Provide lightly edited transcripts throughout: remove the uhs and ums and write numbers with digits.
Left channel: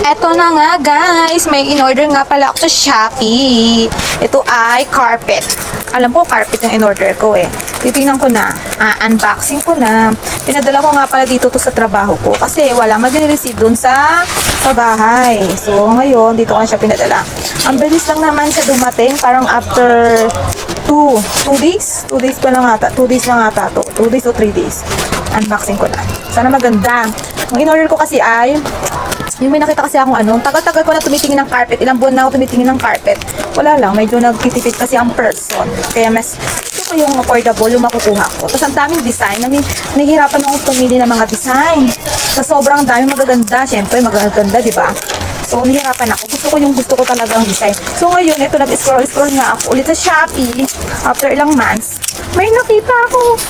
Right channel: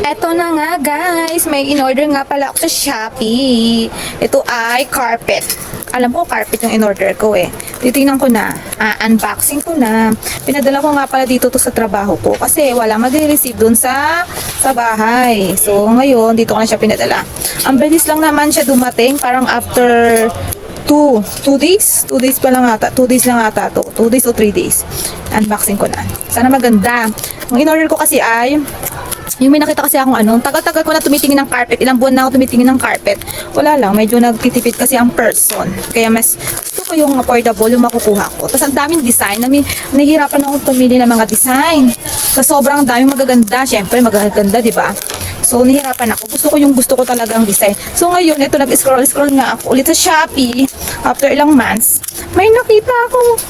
Eto na nga guys, may in-order nga pala ako sa Shopee. Ito ay carpet. Alam ko carpet yung in-order ko eh. Titingnan ko na, unboxing ko na. Pinadala ko nga pala dito to sa trabaho ko kasi wala mag-receive dun sa bahay. So ngayon, dito ko na siya pinadala. Ang bilis lang naman siya dumating, parang after 2 days? 2 days pa lang ata. 2 days lang ata to. 2 days o 3 days. Unboxing ko na. Sana maganda. Ang in-order ko kasi ay yung may nakita kasi akong tagal-tagal ko na tumitingin ng carpet. Ilang buwan na ako tumitingin ng carpet. Wala lang, medyo nagtitipid kasi ang person. Kaya mas gusto ko yung affordable yung makukuha ko. Tapos ang daming design. Nahihirapan akong pumili ng mga design. Sa sobrang daming magaganda. Siyempre, magaganda, di ba? So, nahihirapan ako. Gusto ko talagang design. So, ngayon, ito nag-scroll nga ako ulit sa Shopee. After ilang months, may nakita ako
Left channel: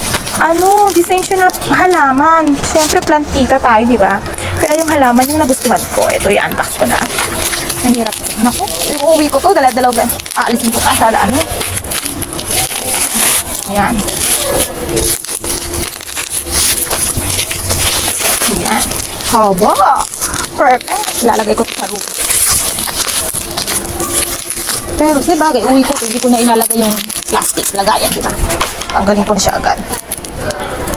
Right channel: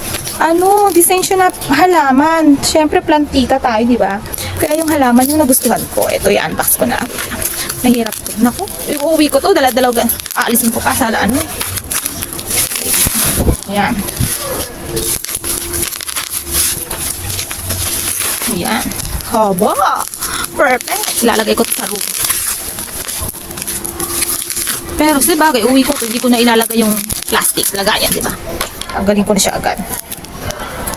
design siya na halaman. Siyempre, plantita tayo, di ba? Kaya yung halaman yung nagustuhan ko. Ito, i-unbox ko na. Nahirap. Naku, uuwi ko to. Dala-dalaw. Aalisin ko pa sa Yan. Yan. Haba. Perfect. Ilalagay ko ito sa room. Pero sa bagay, uwi ko. Hindi ko na ilalagay yung plastic. Lagayan, di ba? Tanggalin ko na siya agad.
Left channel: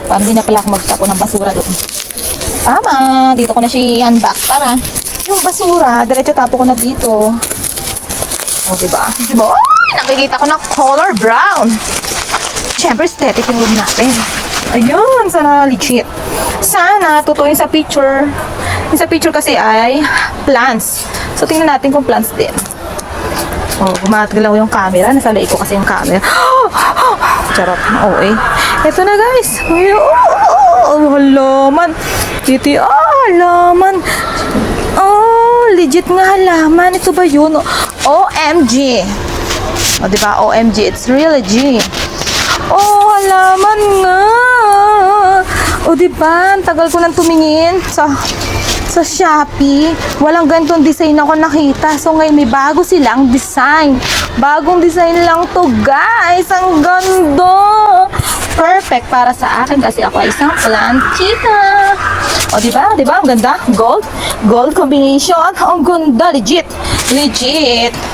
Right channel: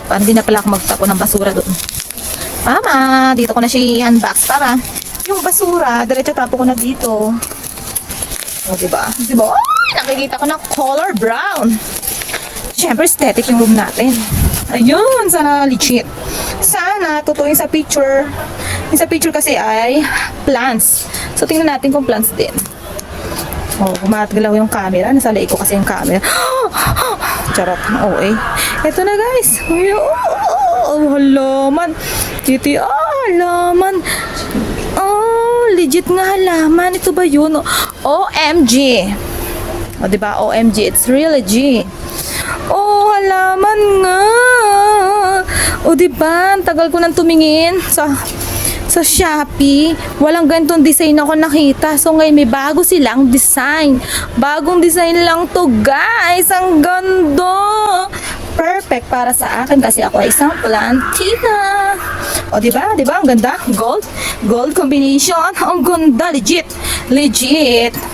Para hindi na pala ako magtapo ng basura doon. Tama, dito ko na siya i-unbox. Tara, yung basura, diretso tapo ko na dito. O, diba? Diba? Ay, nakikita ko na color brown. Siyempre, aesthetic yung room natin. Ayun, sana legit. Sana, tutuin sa picture. Yung sa picture kasi ay plants. So, tingnan natin kung plants din. So, gumagalaw yung camera. Nasa laik ko kasi yung camera. Charot. Okay. Ito na guys. Halaman. Titi, halaman. Legit nga halaman. Ito ba yun? OMG. O, diba? OMG. It's really G. Halaman nga. O, diba? Ang tagal ko nang tumingin sa Shopee. Walang ganitong design ako nakita. So, ngayon may bago silang design. Bagong design lang to, guys. Ang ganda. Perfect para sa akin kasi ako ay isang plantina. O, diba? Diba? Ang ganda. Gold combination. Ang ganda. Legit.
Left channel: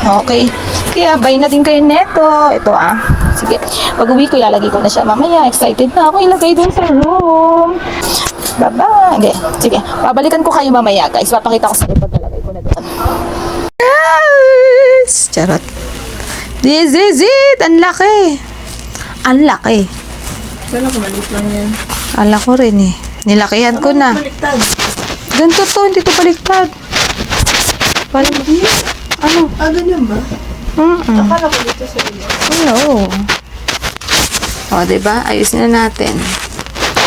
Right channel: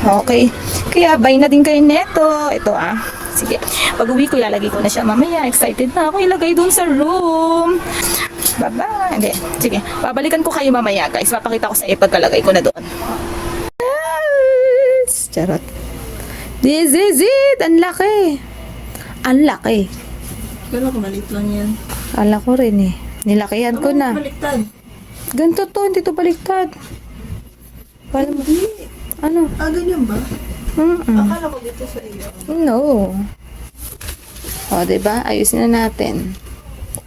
Okay. Kaya, buy natin kayo neto. Ito Sige. Pag-uwi ko, ilalagay ko na siya. Mamaya, excited na ako ilagay doon sa room. Bye-bye. Hindi. Sige. Babalikan ko kayo mamaya, guys. Papakita ko sa iyo pagkalagay ko na doon. Yes! Charot. This is it! Ang laki. Ang laki. Wala ko, balik lang yan. Ala ko rin eh. Nilakihan ko na. Baliktad. Ganito to. Hindi to baliktad. Ano? Ganyan ba? Akala ko dito sa iyo. No. O, diba? Ayos na natin.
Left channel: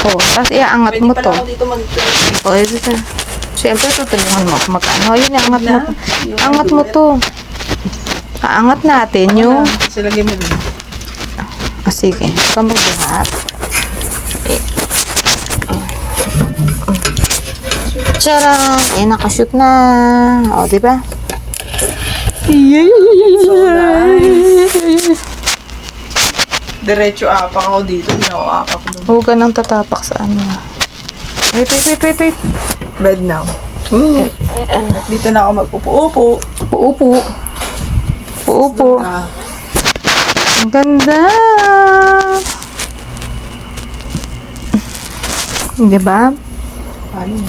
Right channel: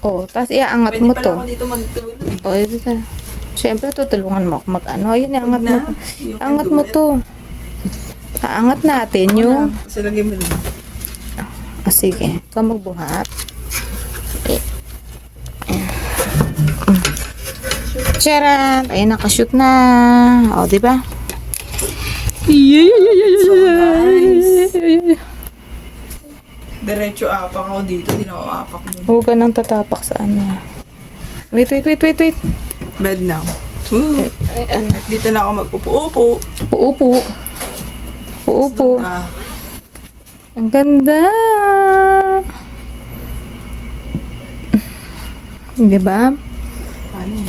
Tapos iaangat mo to. Pwede pala ako dito maligtad. Pwede ka. Siyempre, tutulungan mo kung magkano. Yun, angat mo. Angat mo to. Aangat natin yung... Kasi lagyan mo rin. Sige. Ito magbuhat. Tiyara! Nakashoot na. O, diba? So nice. Diretso apak ako dito. Hindi ako apak doon. Huwag ka nang tatapak sa ano. Wait. Bed now. Dito na ako magpupo-upo. Uupo. Ang ganda. Diba? Paano?